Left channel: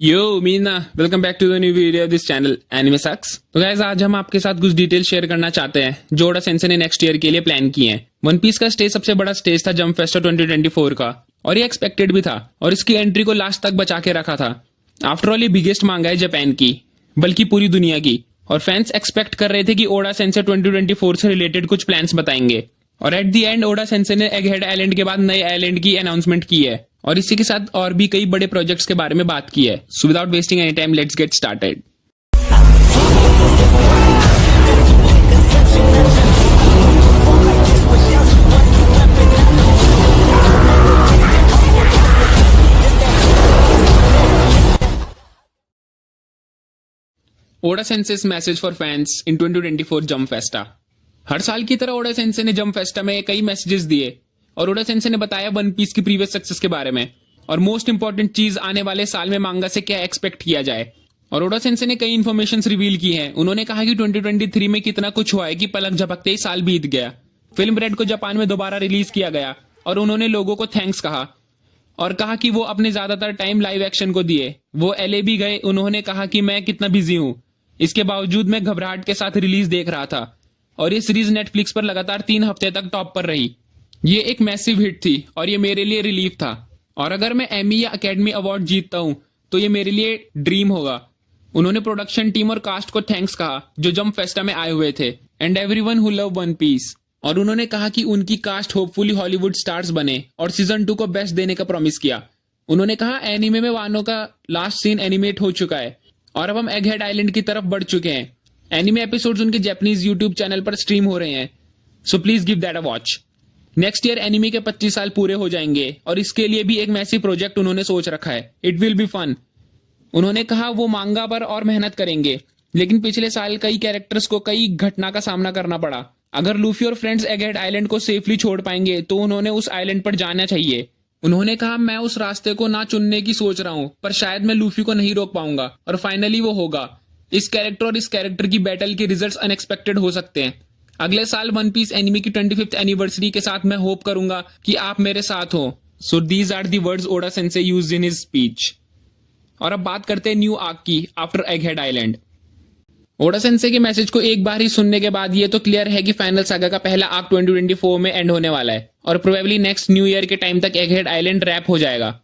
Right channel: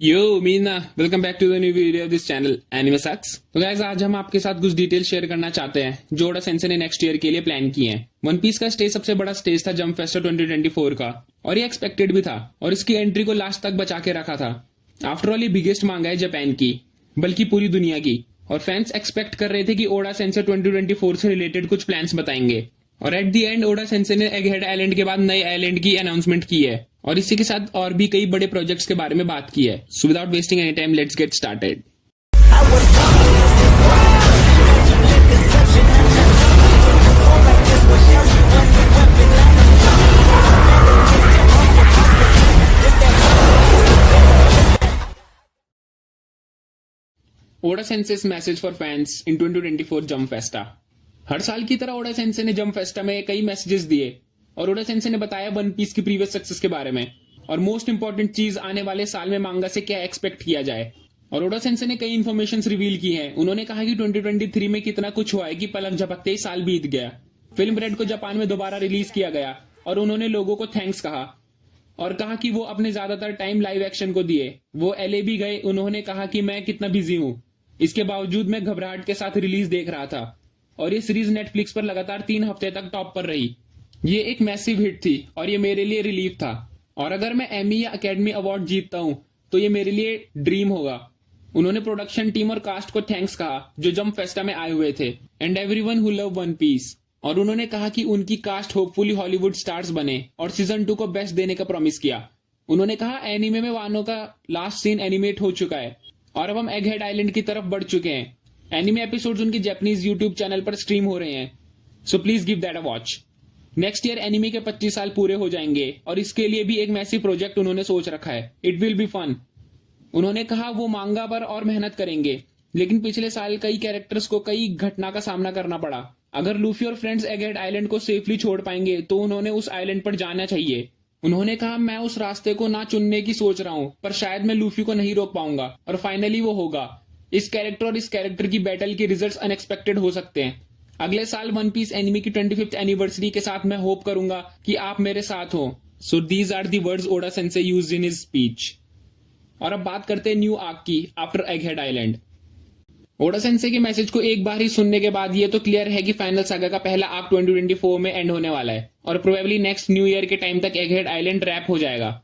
यो मीना, welcome back to the new video of this channel anime sucks. तो guys, आज हम आपके साथ कुछ डिटेल शेयर करना चाहते हैं जो ओडा सेंसेई ने नेक्स्ट ईयर के लिए प्लान किए हैं। वन पीस का स्टेज सबसे बड़ा स्टेज था जंप फेस्टा 2024 का, और ये एक्सपेक्टेड भी था और इसकी एंट्री को लास्ट तक बचा के रखा था। आफ्टर ऑल ये बिगेस्ट मांगा है जापान की, बल्कि पूरी दुनिया की, और फैंस एक्सपेक्ट कर रहे थे कि ओडा सेंसेई 2024 से रिलेटेड कुछ प्लान्स बताएंगे। और at the end Oda sensei ने एगहेड आइलैंड के बाद नए आइलैंड की अनाउंसमेंट की है, और इसी के साथ और भी कई बड़े प्रोजेक्ट्स के बारे में बात की है। So without wasting any time, let's get started. Oda sensei's message for fans in 2024 Jump Festa. हर साल की तरह ओडा सेंसेई ने जंप फेस्टा में कई मैसेजेस दिए, और ओडा सेंसेई ने बताया वन पीस की प्रीवियस सक्सेस के बारे में, और मोस्ट इंपॉर्टेंट चीज आने वाले साल में मांगा से क्या एक्सपेक्ट किया जाए। और ओडा सेंसेई ने कई इन्फॉर्मेशन रिवील की हैं। उन्होंने कहा कि 2023 में कितना कुछ हुआ है कि पलक झपकते ही साल बीत गया। फिल्म रेड को जापान में दोबारा रिलीज किया गया, और उन्होंने लोगों को थैंक्स कहा और कहा कि वो अपने ज्यादातर टाइम लाइव एक्शन को दिए। वो एलए भी गए। उन्होंने कहा कि मैं कितना बिजी हूं, इसके बावजूद मैं घबराहट के साथ रिलीज देख रहा था, और ये सीरीज नेटफ्लिक्स पर लगातार 3 हफ्ते तक टॉप पर रही। ये एक मैसिव हिट थी और ये मेरे लिए रिलीफ था, और अगर मैं एमी या अकेडमी अवार्ड जीतता हूं तो ये मेरे लिए ड्रीम होगा। उन्होंने प्रोडक्शन टीम और कास्ट को थैंक्स कहा जो जंप फेस्टा में आए हुए थे, and everyone who love One Piece. और उन्होंने कहा कि उनकी कास्ट होपफुली हॉलीवुड स्टार्स बने, और सीजन 2 को बेस्ट देने का प्रॉमिस किया। उन्होंने कहा एनीमे में वानो का लास्ट सीन एनिमेट हो चुका है, और अब हम एगहेड आइलैंड की तरफ बढ़ चुके हैं। एनिमे एपिसोड्स उनके जापानीज यूट्यूब चैनल पर स्ट्रीम हो रहे हैं, so please give that a watch. Next year anime के 25 साल पूरे हो जाएंगे, और इसके लिए भी एक मैसिव प्रोजेक्ट उन्होंने सोच रखा है। It will be fun. उन्होंने कहा वो मांगा पर और मेहनत करेंगे, लेकिन पिछले साल कई कैरेक्टर्स को कई घटना का सामना करना पड़ा। अगर लूफी और फ्रेंड्स एगहेड आइलैंड को सेफली छोड़ पाएंगे तो उन्होंने उस आइलैंड पर जाना चाहिए। उन्होंने कहा मैं उस रास्ते को ना चुनने की सोच रहा हूं, पर शायद मैं लूफी को नहीं रोक पाऊंगा, और फाइनली वो होगा। इस कैरेक्टर और इस कैरेक्टर की बैटल के रिजल्ट्स अनएक्सपेक्टेड हो सकते हैं। अगले साल वन पीस एनिमी की 25th एनिवर्सरी के साथ मैं होप करूंगा कि आप मेरे साथ हो। So these are the words Oda sensei used in his speech. और अब बात करते हैं न्यू आर्क की after Egghead island. Oda sensei के मैसेज को एक बार ही सुनने के बाद ये तो क्लियर है कि फाइनल सागा का पहला आर्क 2024 में एंड होने वाला है, और प्रोबेबली नेक्स्ट न्यू ईयर के टाइम तक एगहेड आइलैंड रैप हो जाएगा।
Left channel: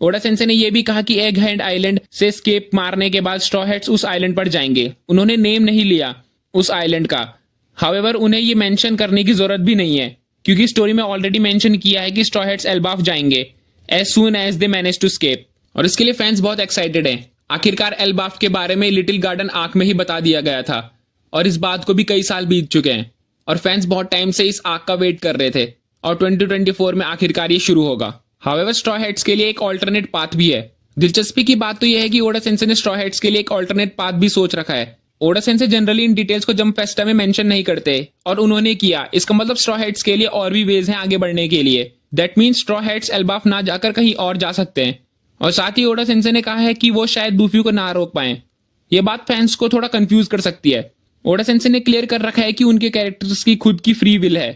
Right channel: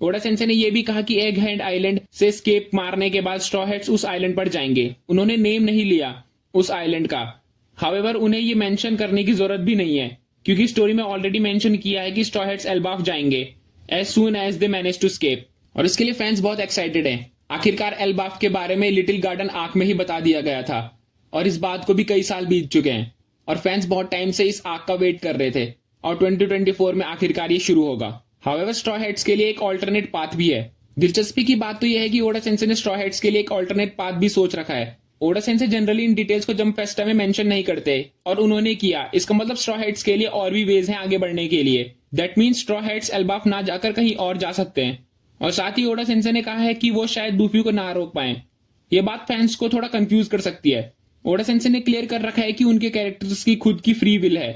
ओडा सेंसेई ने यह भी कहा कि एगहेड आइलैंड से स्केप मारने के बाद स्ट्रॉ हैट्स उस आइलैंड पर जाएंगे। उन्होंने नेम नहीं लिया उस आइलैंड का। हाउएवर उन्हें ये मेंशन करने की जरूरत भी नहीं है, क्योंकि स्टोरी में ऑलरेडी मेंशन किया है कि स्ट्रॉ हैट्स एल्बाफ जाएंगे as soon as they manage to escape. और इसके लिए फैंस बहुत एक्साइटेड हैं। आखिरकार एल्बाफ के बारे में लिटिल गार्डन आर्क में ही बता दिया गया था, और इस बात को भी कई साल बीत चुके हैं, और फैंस बहुत टाइम से इस आर्क का वेट कर रहे थे, और 2024 में आखिरकार ये शुरू होगा। हाउएवर स्ट्रॉ हैट्स के लिए एक ऑल्टरनेट पाथ भी है। दिलचस्पी की बात तो यह है कि ओडा सेंसेई ने स्ट्रॉ हैट्स के लिए एक ऑल्टरनेट पाथ भी सोच रखा है। ओडा सेंसेई जनरली इन डिटेल्स को जंप फेस्टा में मेंशन नहीं करते, और उन्होंने किया। इसका मतलब स्ट्रॉ हैट्स के लिए और भी वेज हैं आगे बढ़ने के लिए। That means straw Hats Elbaf ना जाकर कहीं और जा सकते हैं, और साथ ही ओडा सेंसेई ने कहा है कि वो शायद लूफी को ना रोक पाए। ये बात फैंस को थोड़ा कंफ्यूज कर सकती है। ओडा सेंसेई ने क्लियर कर रखा है कि उनके कैरेक्टर्स की खुद की फ्री विल है।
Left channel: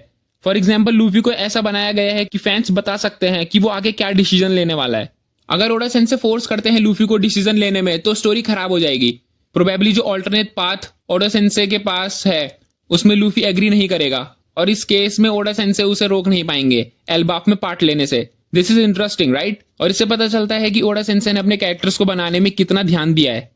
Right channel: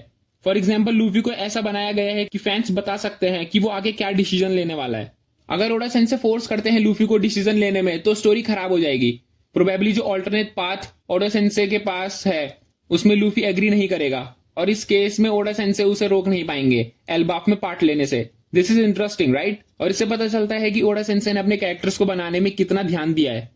फॉर एग्जाम्पल लूफी को ऐसा बनाया गया है कि फैंस बता सकते हैं कि वो आगे क्या डिसीजन लेने वाला है। अगर ओडा सेंसेई फोर्स करते हैं लूफी को डिसीजन लेने में तो स्टोरी खराब हो जाएगी। प्रोबेबली जो ऑल्टरनेट पाथ ओडा सेंसेई के पास है उसमें लूफी एग्री नहीं करेगा, और इस केस में ओडा सेंसेई उसे रोक नहीं पाएंगे एल्बाफ में पार्ट लेने से। This is interesting, right? और इससे पता चलता है कि ओडा सेंसेई ने अपने कैरेक्टर्स को बनाने में कितना ध्यान दिया है।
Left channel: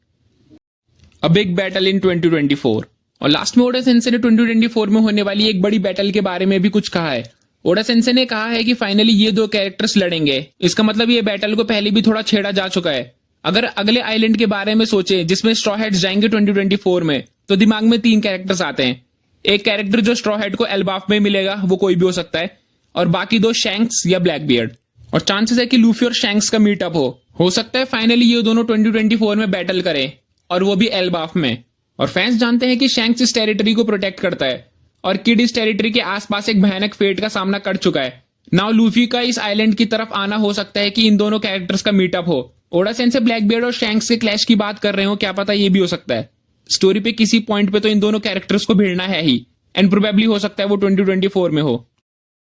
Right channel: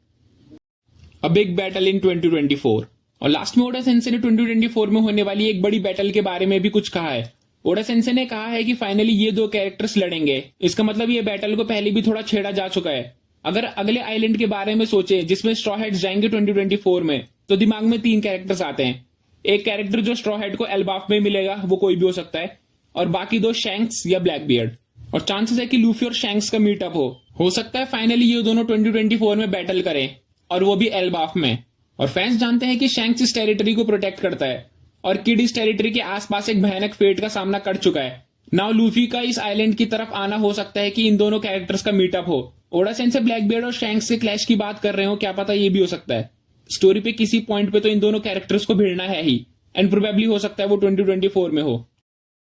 A big battle in 2024। और लास्ट में ओडा सेंसेई ने 2024 में होने वाली एक बड़ी बैटल के बारे में भी कुछ कहा है। ओडा सेंसेई ने कहा है कि फाइनली ये 2 कैरेक्टर्स लड़ेंगे। इसका मतलब ये बैटल को पहले भी थोड़ा छेड़ा जा चुका है। अगर अगले आइलैंड के बारे में सोचे जिसमें स्ट्रॉ हैट्स जाएंगे 2024 में, तो दिमाग में 3 कैरेक्टर्स आते हैं। एक कैरेक्टर जो स्ट्रॉ हैट को एल्बाफ में मिलेगा वो कोई भी हो सकता है, और बाकी 2 शैंक्स या ब्लैक बियर्ड। और चांसेस है कि लूफी और शैंक्स का मीटअप हो सकता है फाइनली ये दोनों 2024 में बैटल करें, और वो भी एल्बाफ में। और फैंस जानते हैं कि शैंक्स इस टेरिटरी को प्रोटेक्ट करता है, और किड इस टेरिटरी के आसपास एक भयानक फेट का सामना कर चुका है। नाउ लूफी का इस आइलैंड की तरफ आना हो सकता है कि इन दोनों कैरेक्टर्स का मीटअप हो। ओडा सेंसेई ब्लैक बियर्ड और शैंक्स के क्लैश की बात कर रहे हो, क्या पता ये भी हो सकता है। स्टोरी पे किसी पॉइंट पे तो इन दोनों कैरेक्टर्स को भिड़ना है ही, एंड प्रोबेबली हो सकता है वो 2024 में हो।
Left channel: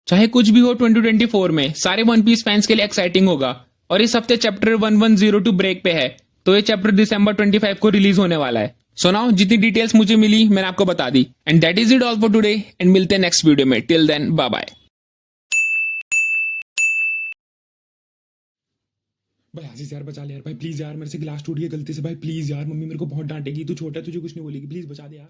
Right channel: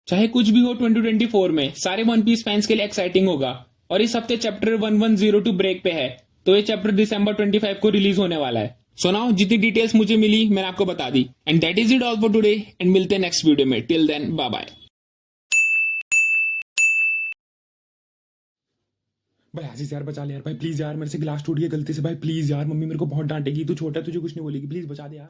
चाहे कुछ भी हो, 2024 में सारे वन पीस फैंस के लिए एक्साइटिंग होगा। और इस हफ्ते चैप्टर 1102 ब्रेक पे है, तो ये चैप्टर दिसंबर 25 को रिलीज होने वाला है। सो नाउ जितनी डिटेल्स मुझे मिली मैंने आपको बता दी। And that is it all for today, and मिलते हैं नेक्स्ट वीडियो में। Till then bye bye. भाई आशीष यार बचा ले यार भाई, प्लीज यार मेरे से गिलास टूट गया गलती से भाई, प्लीज यार मम्मी मेरे को बहुत डांटेगी, तू छोटा है तुझे कुछ नहीं बोलेगी, प्लीज बचा दे यार।